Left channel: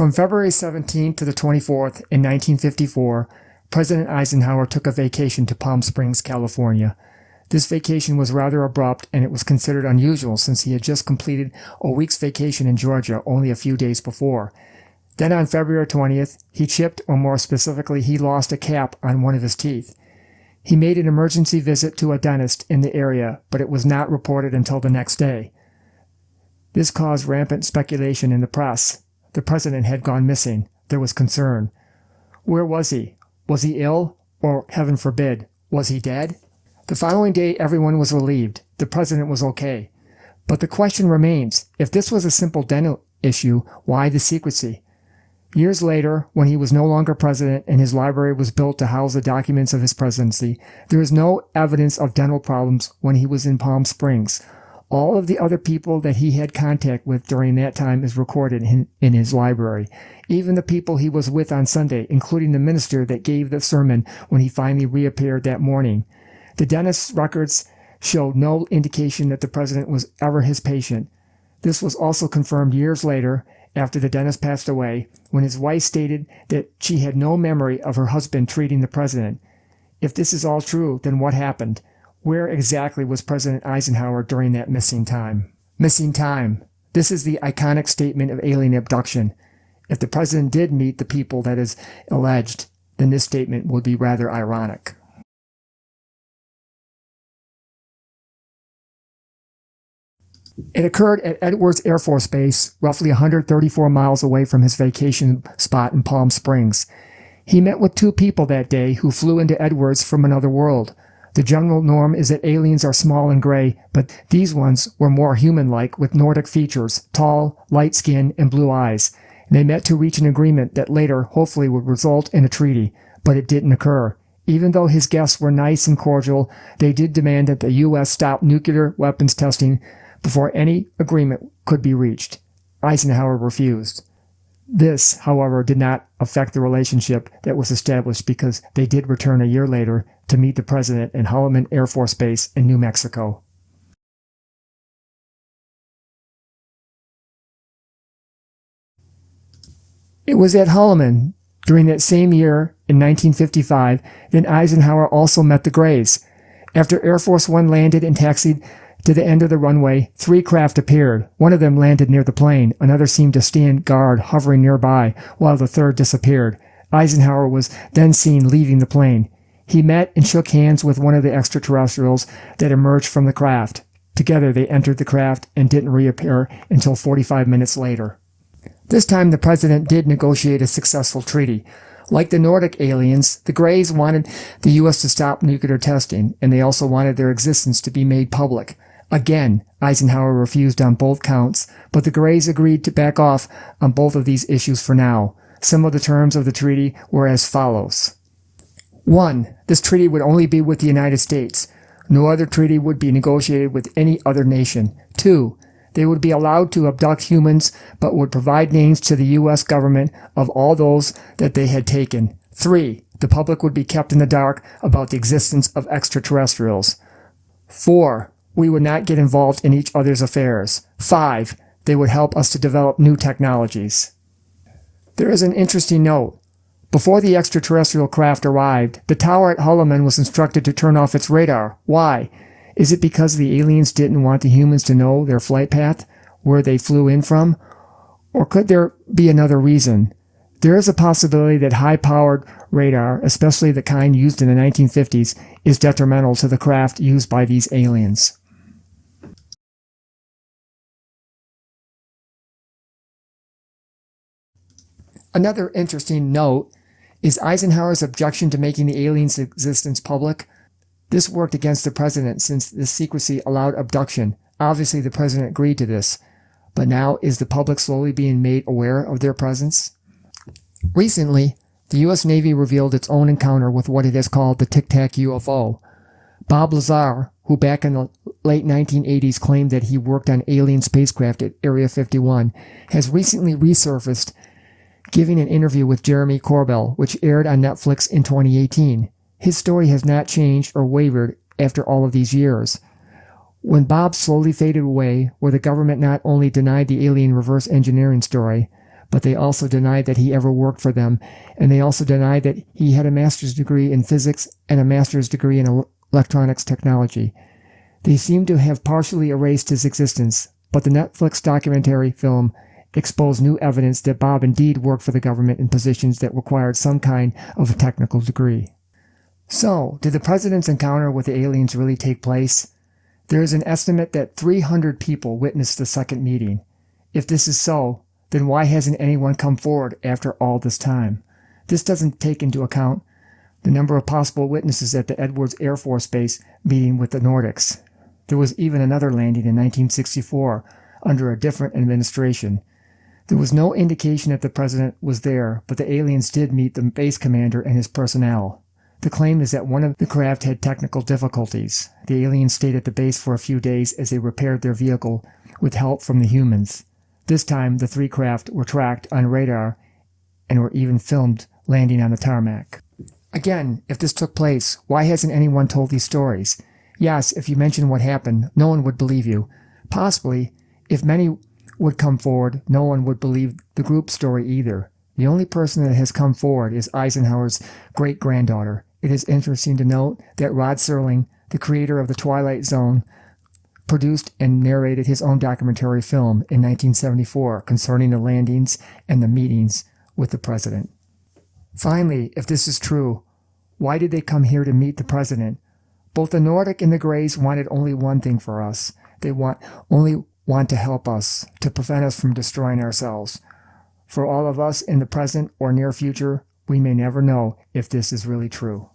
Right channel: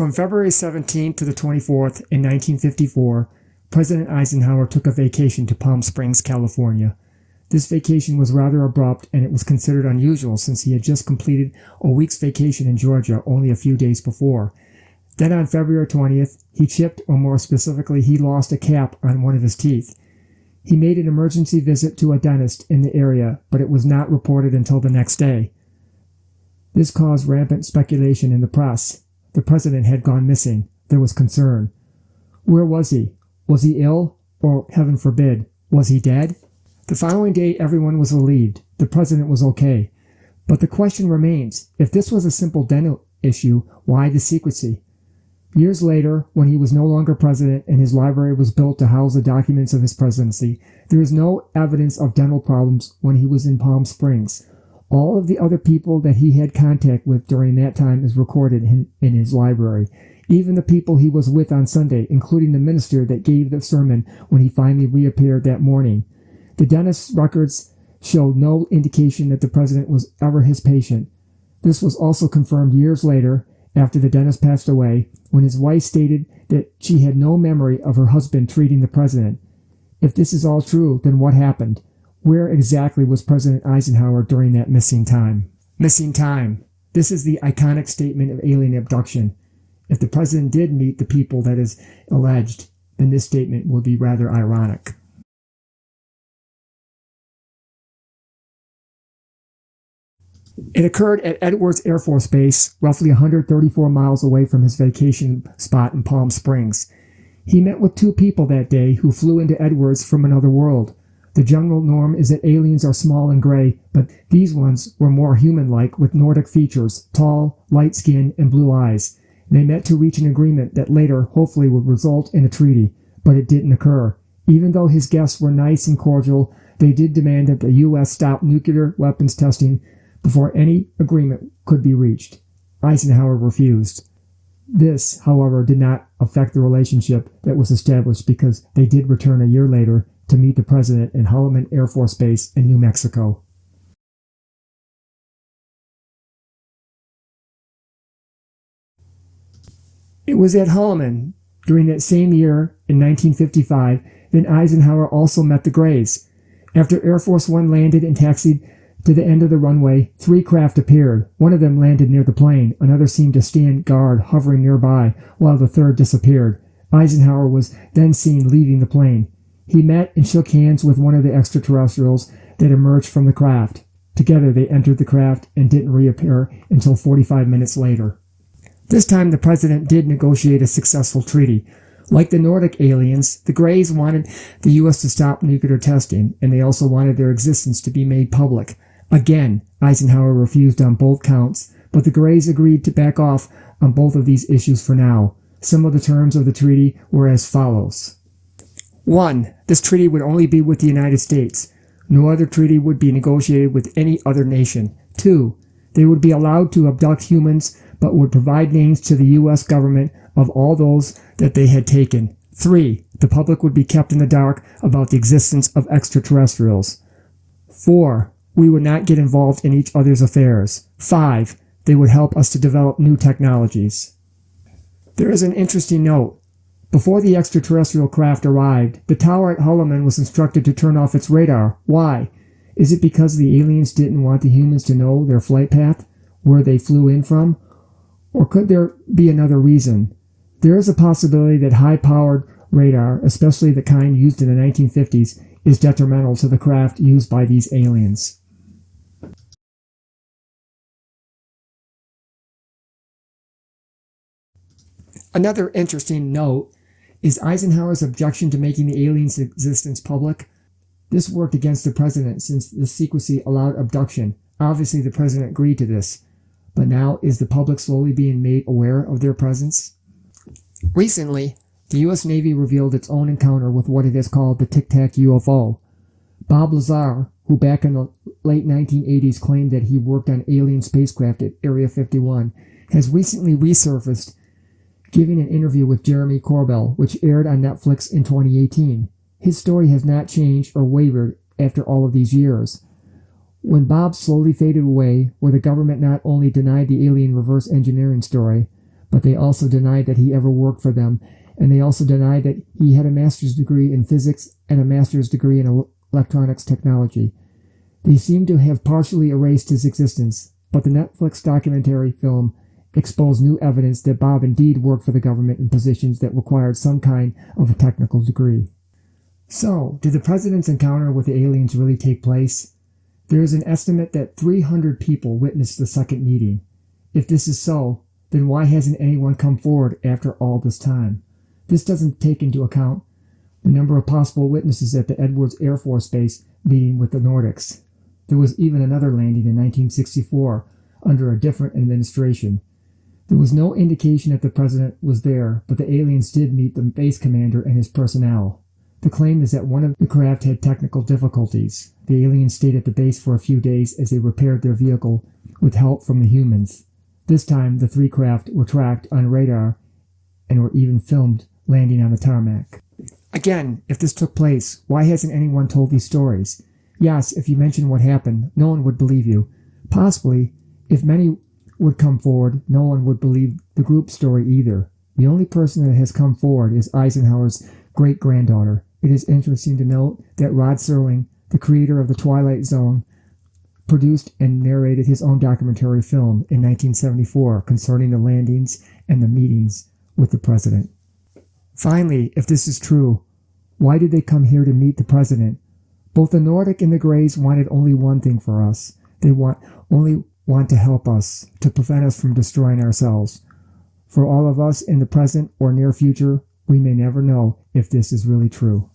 From February 17th to the 24th in 1954, President Eisenhower took a vacation to Palm Springs, California. This vacation was rather abrupt, and it was considered unusual since he had just completed a week's vacation in Georgia only a few days before. Then on February 20th, he chipped, or more specifically, he lost a cap on one of his teeth. He made an emergency visit to a dentist in the area, but it was not reported until the next day. This caused rampant speculation in the press. The president had gone missing. There was concern. Where was he? Was he ill? Or, heaven forbid, was he dead? The following day, everyone was relieved. The president was okay. But the question remains, if this was a simple dental issue, why the secrecy? Years later, when he was no longer president and his library was built to house the documents of his presidency, there is no evidence of dental problems when he was in Palm Springs. All of the other people that he had contact with during that time is recorded in his library. Even the people he was with on Sunday, including the minister that gave the sermon when he finally reappeared that morning. The dentist's records showed no indication that the president was ever his patient. This was also confirmed years later, after the dentist passed away, when his wife stated that she had no memory of her husband treating the president. If this is all true, then what happened? Where exactly was President Eisenhower during that missing time? Missing time. This is the iconic statement of alien abduction. If the president did meet the people that is alleged, then this statement would be rather ironic. It occurred at Edwards Air Force Base, roughly 134 miles away from his vacation spot in Palm Springs. He met with two people that day who flew into Edwards from another world. The general norm is that aliens are small and gray, but these ones were more human-like with Nordic features, tall, light skin, and blue eyes. They met to reach an agreement that later hopefully would result in a treaty, but it didn't occur. Even though his guests were nice and cordial, they did demand that the U.S. stop nuclear weapons testing before any agreement could be reached. Eisenhower refused. This, however, did not affect the relationship that was established because they did return a year later to meet the president in Holloman Air Force Base in New Mexico. It was at Holloman during that same year in 1955 that Eisenhower also met the Greys. After Air Force One landed and taxied to the end of the runway, three craft appeared. One of them landed near the plane. Another seemed to stand guard, hovering nearby, while the third disappeared. Eisenhower was then seen leaving the plane. He met and shook hands with one of the extraterrestrials that emerged from the craft. Together they entered the craft and didn't reappear until 45 minutes later. This time the president did negotiate a successful treaty. Like the Nordic aliens, the Greys wanted the U.S. to stop nuclear testing, and they also wanted their existence to be made public. Again, Eisenhower refused on both counts, but the Greys agreed to back off on both of these issues for now. Some of the terms of the treaty were as follows. 1. This treaty would only be with the United States. No other treaty would be negotiated with any other nation. 2. They would be allowed to abduct humans, but would provide names to the U.S. government of all those that they had taken. 3. The public would be kept in the dark about the existence of extraterrestrials. 4. We would not get involved in each other's affairs. 5. They would help us to develop new technologies. There is an interesting note. Before the extraterrestrial craft arrived, the tower at Holloman was instructed to turn off its radar. Why? Is it because the aliens didn't want the humans to know their flight path, where they flew in from? Or could there be another reason? There is a possibility that high-powered radar, especially the kind used in the 1950s, is detrimental to the craft used by these aliens. Another interesting note is Eisenhower's objection to making the aliens' existence public. This worked against the president since the secrecy allowed abduction. Obviously, the president agreed to this. But now, is the public slowly being made aware of their presence? Recently, the U.S. Navy revealed its own encounter with what it has called the Tic Tac UFO. Bob Lazar, who back in the late 1980s claimed that he worked on alien spacecraft at Area 51, has recently resurfaced, giving an interview with Jeremy Corbell, which aired on Netflix in 2018. His story has not changed or wavered after all of these years. When Bob slowly faded away, where the government not only denied the alien reverse engineering story, but they also denied that he ever worked for them, and they also denied that he had a master's degree in physics and a master's degree in electronics technology. They seem to have partially erased his existence, but the Netflix documentary film exposed new evidence that Bob indeed worked for the government in positions that required some kind of a technical degree. So, did the president's encounter with the aliens really take place? There is an estimate that 300 people witnessed the second meeting. If this is so, then why hasn't anyone come forward after all this time? This doesn't take into account the number of possible witnesses at the Edwards Air Force Base meeting with the Nordics. There was even another landing in 1964 under a different administration. There was no indication that the president was there, but the aliens did meet the base commander and his personnel. The claim is that one of the craft had technical difficulties. The aliens stayed at the base for a few days as they repaired their vehicle with help from the humans. This time, the 3 craft were tracked on radar and were even filmed landing on the tarmac. Again, if this took place, why hasn't anyone told these stories? Yes, if you mention what happened, no one would believe you. Possibly, if many would come forward, no one would believe the group story either. The only person that has come forward is Eisenhower's great-granddaughter. It is interesting to note that Rod Serling, the creator of The Twilight Zone, produced and narrated his own documentary film in 1974 concerning the landings and the meetings with the president. Finally, if this is true, why did they come here to meet the president? Both the Nordic and the Greys wanted only one thing for us. They only want to help us, to prevent us from destroying ourselves. For all of us in the present or near future, we may never know if this is really true.